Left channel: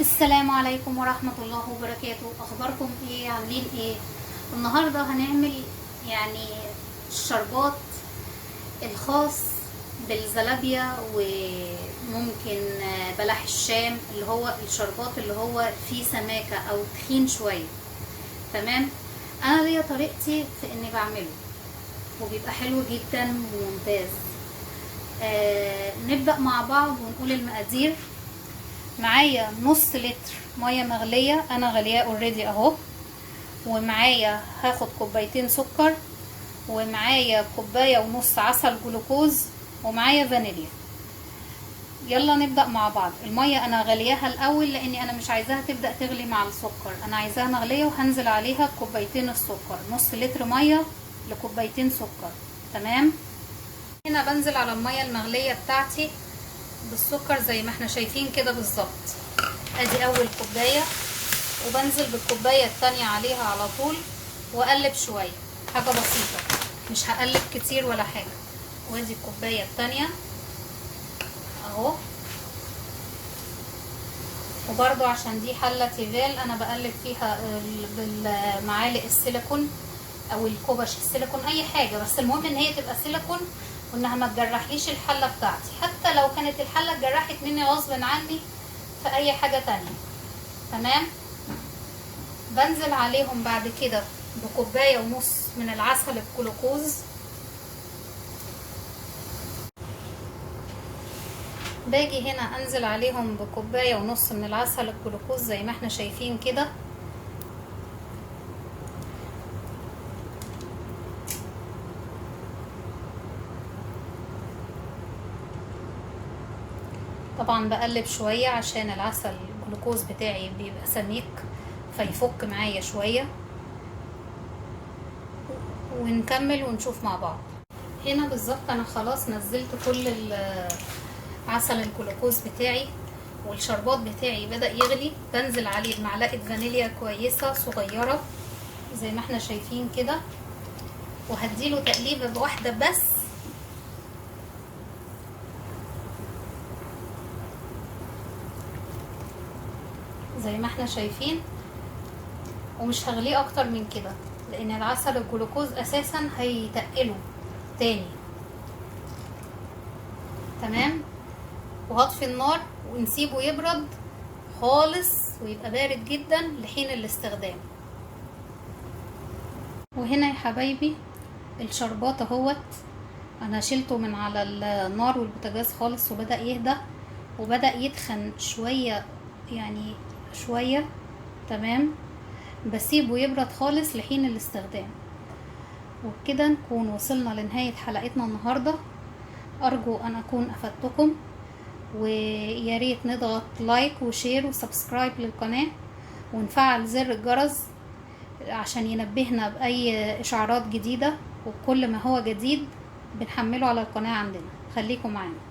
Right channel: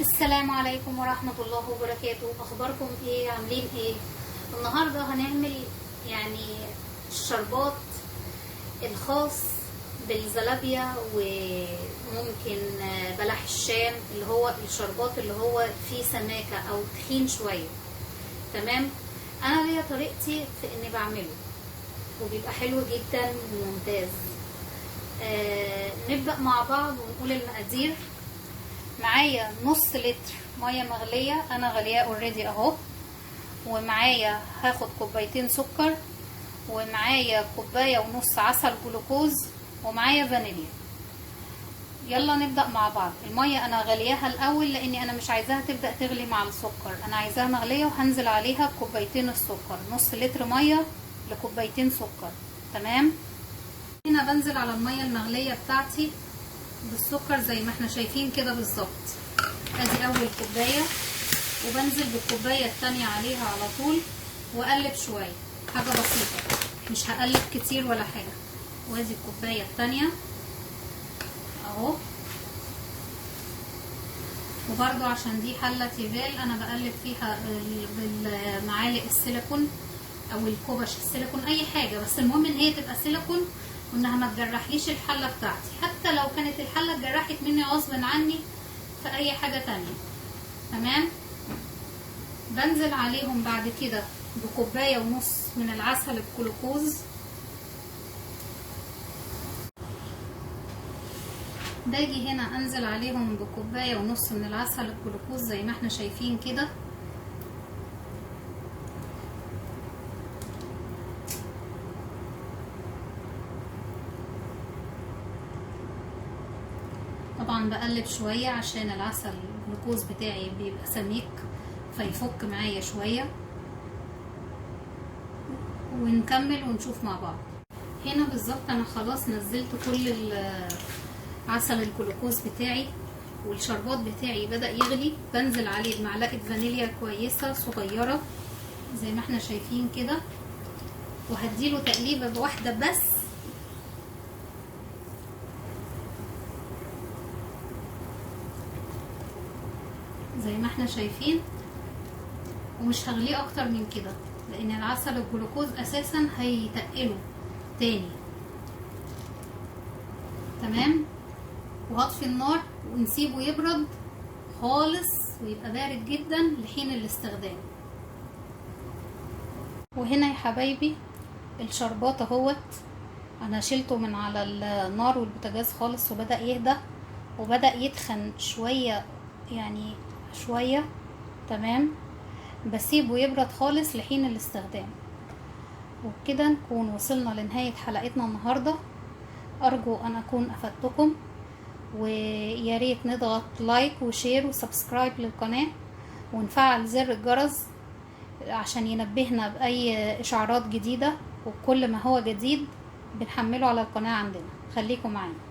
السلام عليكم ورحمة الله وبركاته. اخباركم ايه؟ عاملين ايه؟ النهاردة هنعمل يعني الشربات الخاص بالزلابيا، وممكن بلح الشام، اللي هو الشربات اللي هو فيه سماكة او تخين شوية. تمام. انا ليا طريقتي في اني بعمله وبيبقى حلو جدا وممتاز. نبدأ مع بعض ونقول المقادير. معايا نص لتر ميه مغليه، انا غلياه اوريدي اهو، ومعايا هاخد كوبايتين سكر، ومعايا كوبايه ونص عسل جلوكوز، ومعايا فانيليا. يلا نبدا مع بعض. الميه انا غلياها الاول لاني انا مش عايزاها تبدا تغلي مع السكر، انا عايزاها مغليه وهنزل عليها كوبايتين السكر. نص لتر ميه لكوبايتين سكر. تمام. هنا بنزل على الميه المغليه بتاعتي بالسكر زي ما احنا شايفين كده بالظبط. ادي اول كوبايه، وبنزل بالكوبايه التانية عليها على طول واقلب شويه، حاجه بسيطه، مش هقلب كتير ولا حاجه. وادي الكوبايه التانية اهو. وبرده عشان دي حله تيفال انا بقلب فيها بالمعالق السيليكون او الكوبش السيليكون، اي حاجه، بس المهم ان هي تبقى سيليكون وانها ما تجرحليش الحله بتاعتي. حتى لو كانت الحله اتجرحت مني غصب عني في اي حاجه تانية. تمام. بنزل عليهم بعد كده بكوبايه ونص من العسل الجلوكوز. باجي هنا انزل عليهم بكوبايه ونص من العسل الجلوكوز زي ما احنا شايفين كده. طبعا بقلب شويه عشان العسل الجلوكوز بتاعي بيبقى سميك فيفك معايا شويه، ونكمل ونشوف مع بعض. هنا بالظبط انا خلاص نزلت كل عسل الجلوكوز بتاعي والشربات بتاعي بدأ يغلي. بنزل عليه بمعلقه فانيليا كويسه صغيره زي ما احنا شايفين كده، وهديله تقليبه بواحده بس. زي ما احنا شايفين، ومش هغليه اكتر من كده لان العسل الجلوكوز اساسا هيتقله تاني. تمام. وهطفي النار ونسيبه يبرد خالص ويبقى بارد جدا لحين الاستخدام. وهنا يا حبايبي الشربات اهوت، انا شلته من على النار والبوتاجاز خالص وبدأ يهدى وبدأ يتخن شوية، يعني شوية. تمام. بسيبه يبرد خالص لحين الاستخدام. وبكده نكون وصلنا لنهاية حلقتنا النهاردة. ارجو ان اكون افدتكم، ويا ريت نضغط لايك وشير وسبسكرايب للقناة ونفعل زر الجرس عشان ينبهنا باي اشعارات جديدة، وكل ما هو جديد بنحمله على القناة عندنا. خليكم معانا.